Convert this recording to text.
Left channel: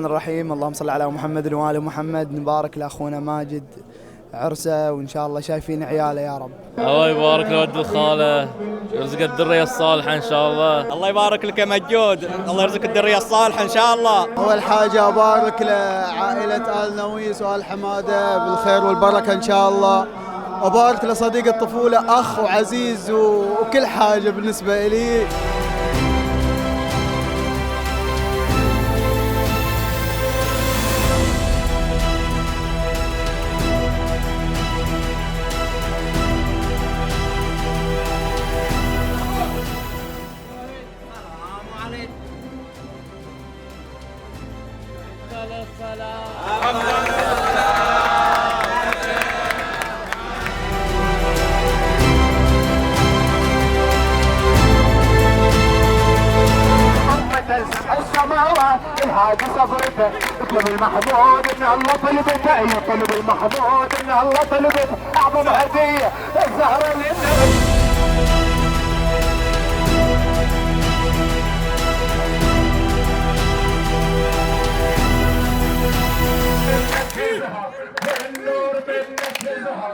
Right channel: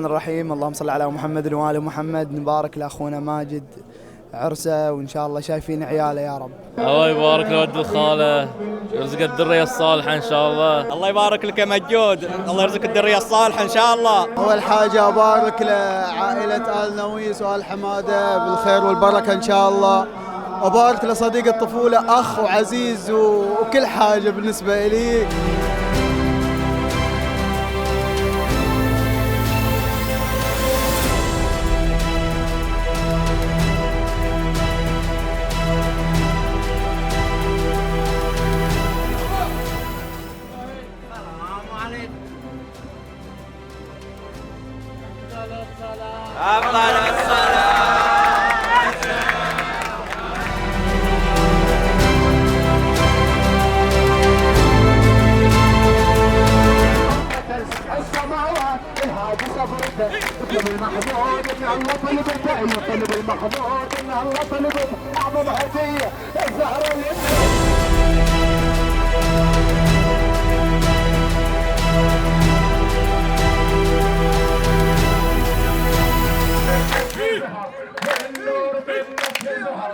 الرحمن الرحيم. اللهم صل على محمد وآل محمد. نبارك لأخونا ماجد عرسه، وإن شاء الله شايفين عياله يا رب. الله يبارك لولد الخالة، يرزق الذرية الصالحة إن شاء الله. الله يبارك لك يا مجود، الله يرزق الذرية الصالحة إن شاء الله. أول حاجة أبارك لعائلة آل نويس وآل حمادة بالخير والبركة إن شاء الله. أبارك لصديق الطفولة، أخ وعزيز وكل حاجة بالنسبة لي. السماوات الهادي صبرته، اطلب المحمود ان الله طلبته، يطلب المحمود ان الله طلبته، اعظم هديه الزهره للنبي. بالنور منك يظهر